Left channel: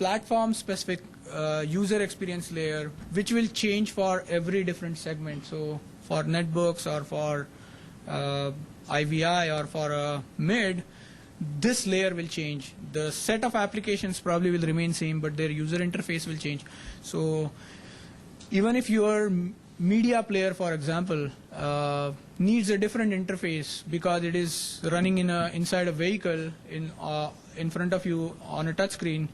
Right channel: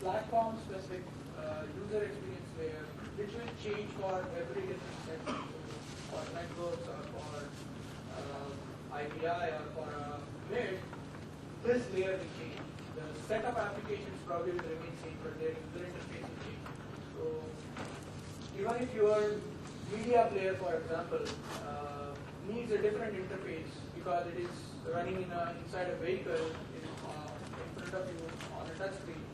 platform-specific user experience layer, which will change for every different segment. So for netbooks or for IVI or for a mid, this layer will change. The set of applications probably will remain same, but their user interface will change. So even if your media player, for example, needs a different interface because it is running inside a vehicle in front of you on a touch screen,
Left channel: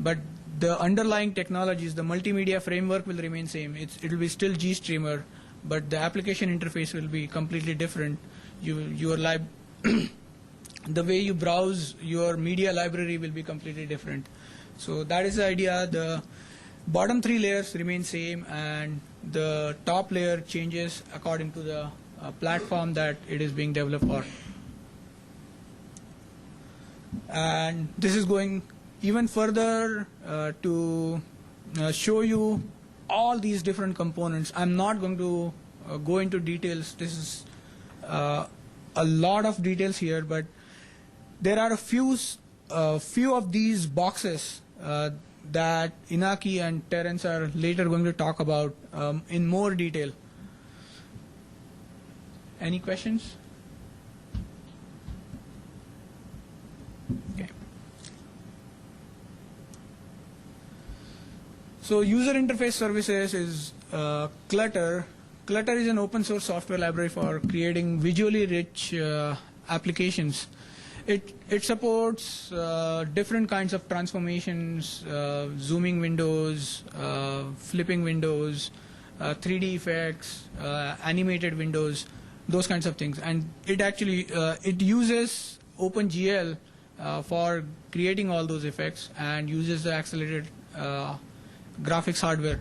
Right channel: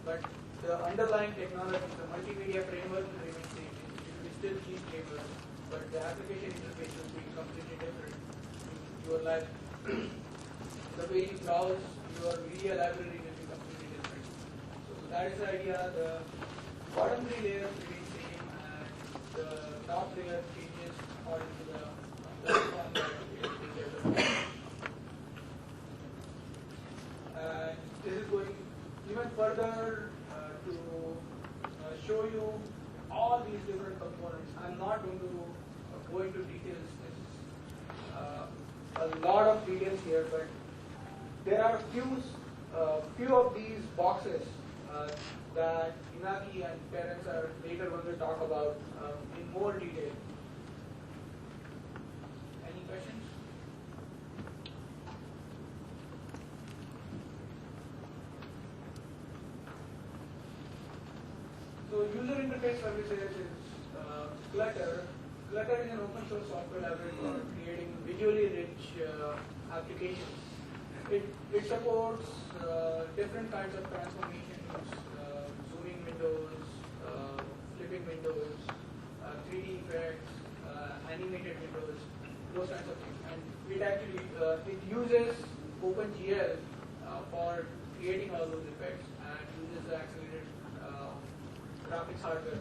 but the underlying technologies, the multimedia framework will remain same. It will be still GStreamer, but the application interface will be completely different. The way you browse your media library will be completely different. So that is the idea. The bottom three layers remain same, and the top layer changes according to the platform that it is being developed for. And this is going even further to show you all these different components. I'm not going to go into details. This is a lot of details here, but there are a few of these boxes that Inaki and Terence are later going to talk about in more detail. Any questions? Okay. So user interface services is Clutter. Clutter is an open source software library for creating visually rich applications. It supports different kinds of transformations, zooming windows, flipping windows, 3D effects, animated windows, those kinds of things. And it actually it uses OpenGL for creating all those effects and uses the accelerated graphics hardware.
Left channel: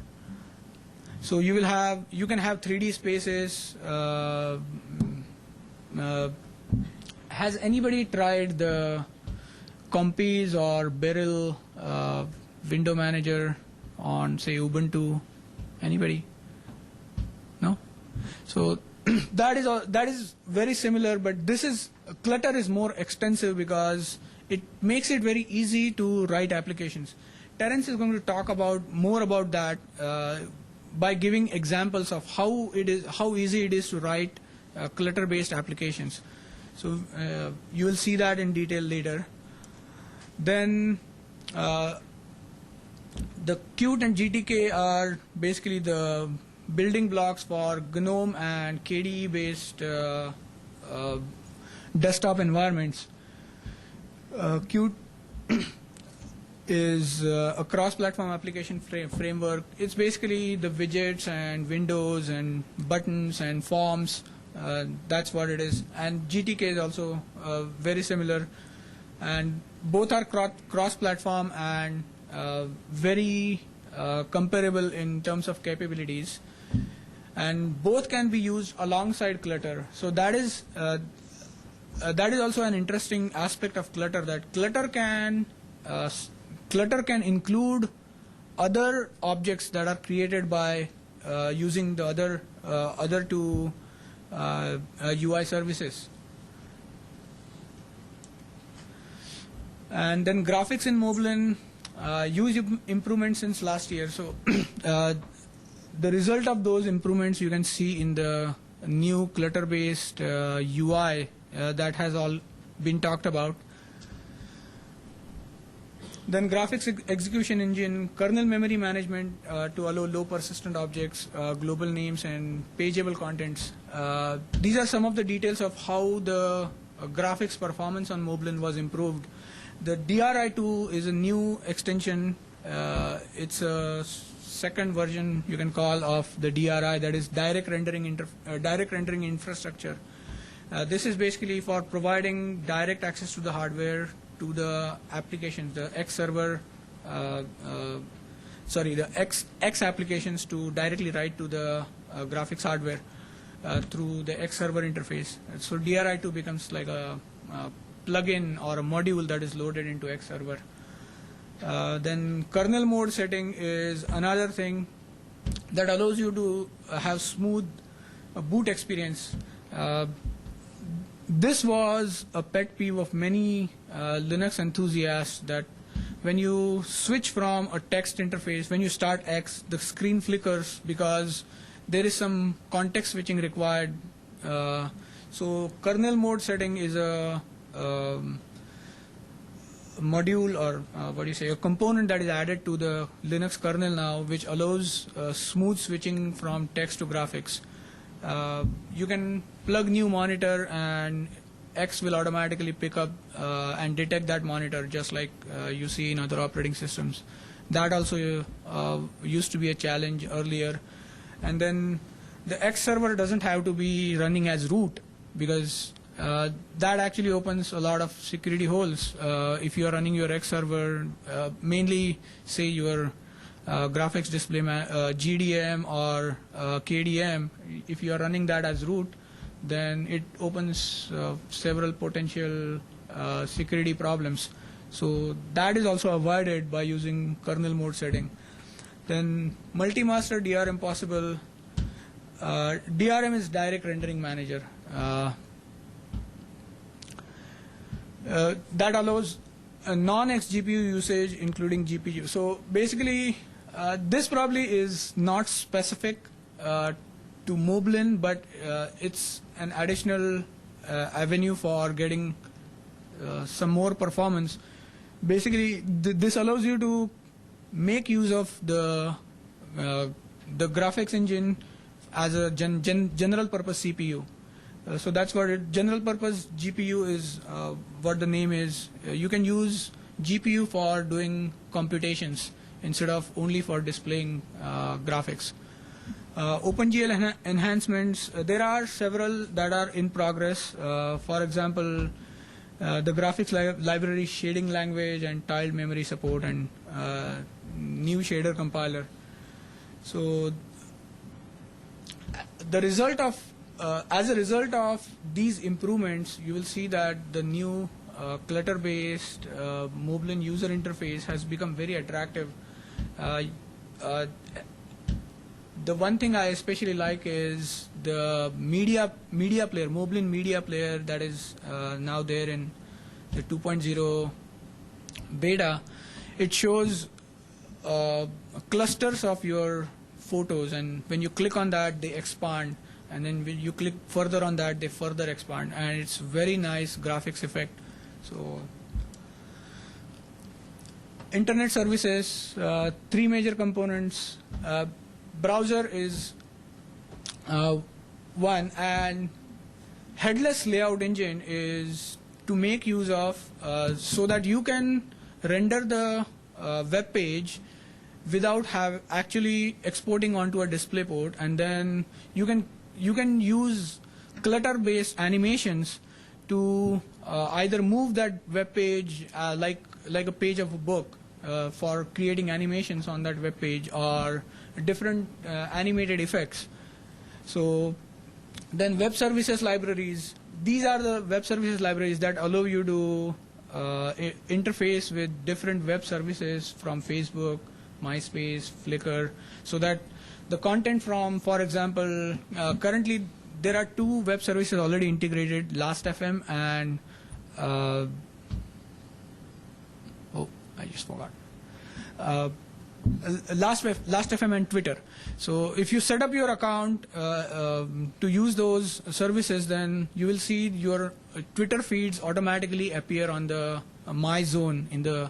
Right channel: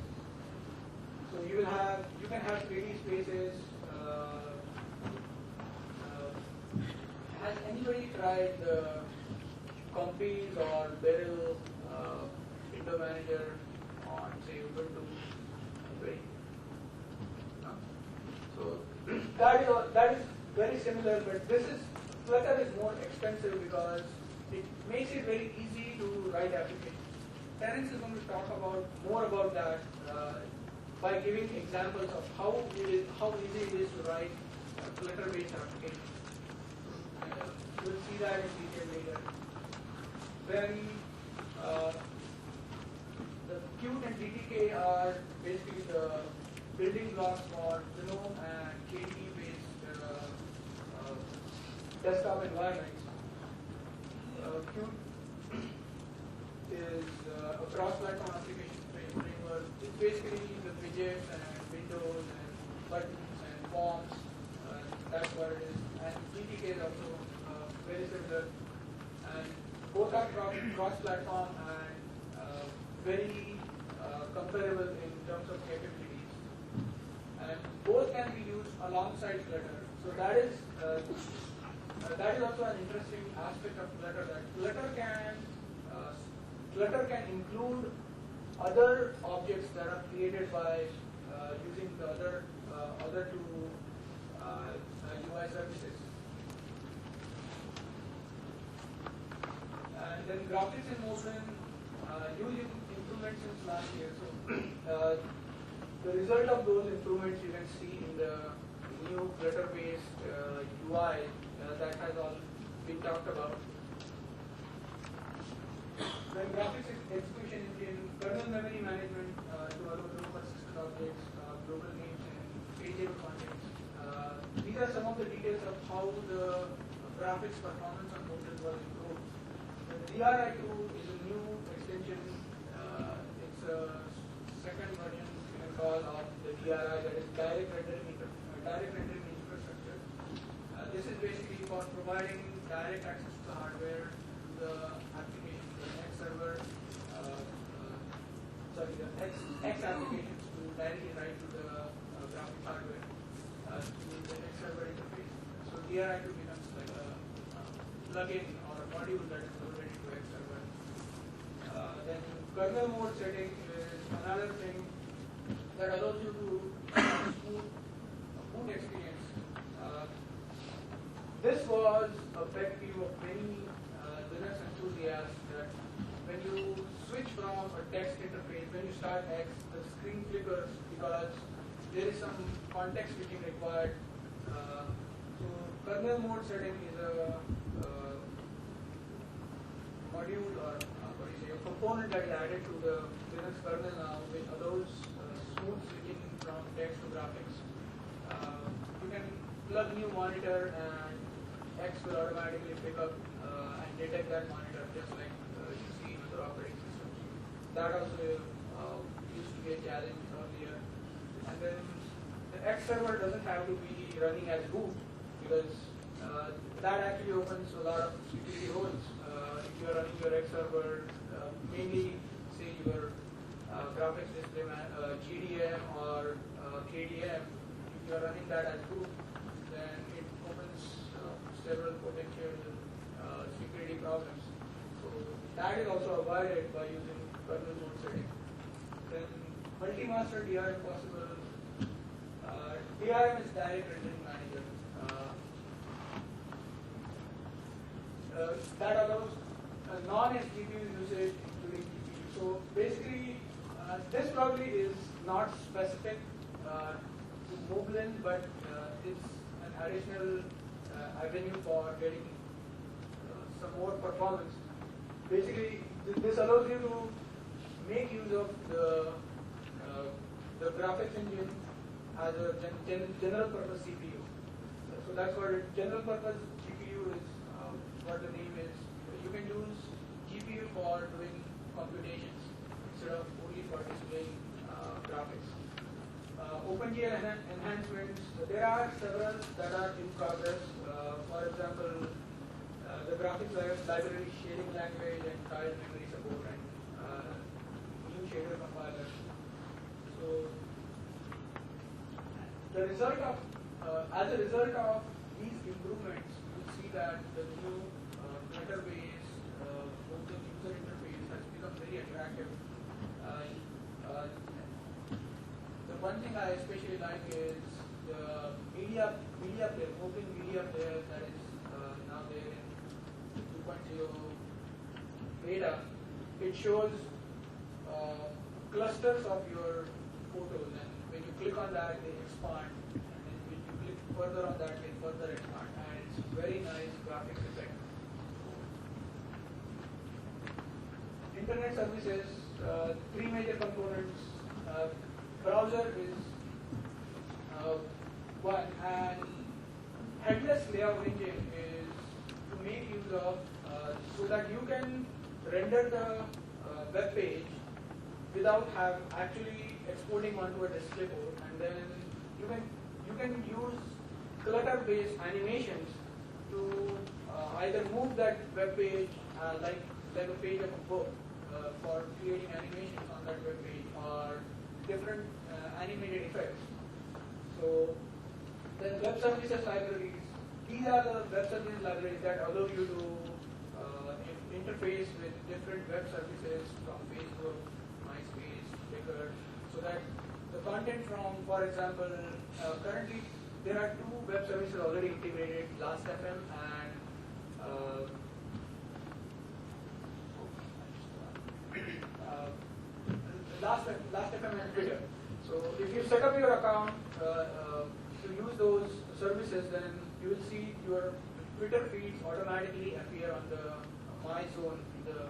So you can have 3D spaces. Has anybody tried the Compiz or Beryl window manager on, say, Ubuntu? Anybody? No? So that is very similar, but Clutter is more extensive because it makes it very easy to write applications. Terence is going to talk more about that by giving examples of how easy it is to write Clutter-based applications. So you will see that in detail later. Then the Qt and GTK are basically the building blocks for GNOME and KDE-based desktop environments. Qt is a cross-platform application framework. It's basically the widgets and windows and buttons and forms. That's what it is. And GTK is also very similar. And both are cross-platform and very comparable in terms of capabilities. And both can be used alongside Clutter. So that is also an interesting aspect of Clutter, that Clutter can include other objects that are created by using the other two UI services. And then graphics in Moblin, huge improvements since last year. So the result of those improvements you can see in the new Clutter-based UI that has all been talked about. Then graphics execution engine, kernel memory management to allow low persistent objects, global names, and pageable contents. These are some of the details of how the graphics performance on Moblin was improved. The DRI2 is a new extension. It's a second version, you can call, of the DRI, that is direct rendering infrastructure. This is basically for providing direct access to the hardware, to the application, the X server, the X applications to directly write to the graphics hardware through the X server interface. So DRI2 becomes like a plugin or a module that is loaded into X server. Then kernel mode setting is another thing that allows you to have smooth boot experience. This was a pet peeve of many Linux enthusiasts, that when you switch from a text interface, when you start X, the screen flickers because there is some context switching required. So kernel mode setting is a module, or what do you say, a component that is added to the Linux kernel now, which allows smooth switching from text to graphics. You can plug new monitor and X will automatically pick up and detect that monitor, just like you see in other operating systems. That also used to be a challenge earlier. And then the X server doesn't have to be running as root, because that actually opens a lot of security holes. If you are running your X server, mainly say your graphics display GDM or KDM, if you are running that as root, then it opens several potential security problems. So that is also avoided by using kernel mode setting. Then multi-master DRM possible. DRM is direct rendering manager. That allows a non-X GPU usage, including GPU. So basically, this probably is not specific to Moblin, but it's an additional avenue for getting some more performance. Basically, this allows you to make use of the graphics engine as a general purpose CPU. So that's what general purpose GPU is, what the name is. You can use GPU for doing computations instead of only for displaying graphics. OpenGL enhancements, there are several that are in progress. For example, the graphics library shading language and tiled memory support, and new shader compiler. So the result of as a result of these improvements, you will see that the new clutter-based Moblin user interface has become very attractive. The one thing I especially like is the media player, Moblin media player, that is now there in the 2.0 beta. It shows clusters of your photos, and when you click on that, they expand, and then when you click further on that, they further expand, and it's very nice graphics effect. So internet services, three major components. Browser is one, and headless layout engine is to make use of so that you can render the web page without actually exporting onto a display port, and then you can use clutter-based animations to either move that web page like a page of a book for creating animations on that web page, or different animated effects. So then web services libraries, these are the web services libraries that allow you to interface with different web services from Facebook, MySpace, Flickr, so that the content from, for example, currently there are two web services already integrated, Last.fm and I just forgot. Last.fm and Twitter. So if you set up your account to use those services, then you will see your Twitter feeds automatically appear on the My Zone in the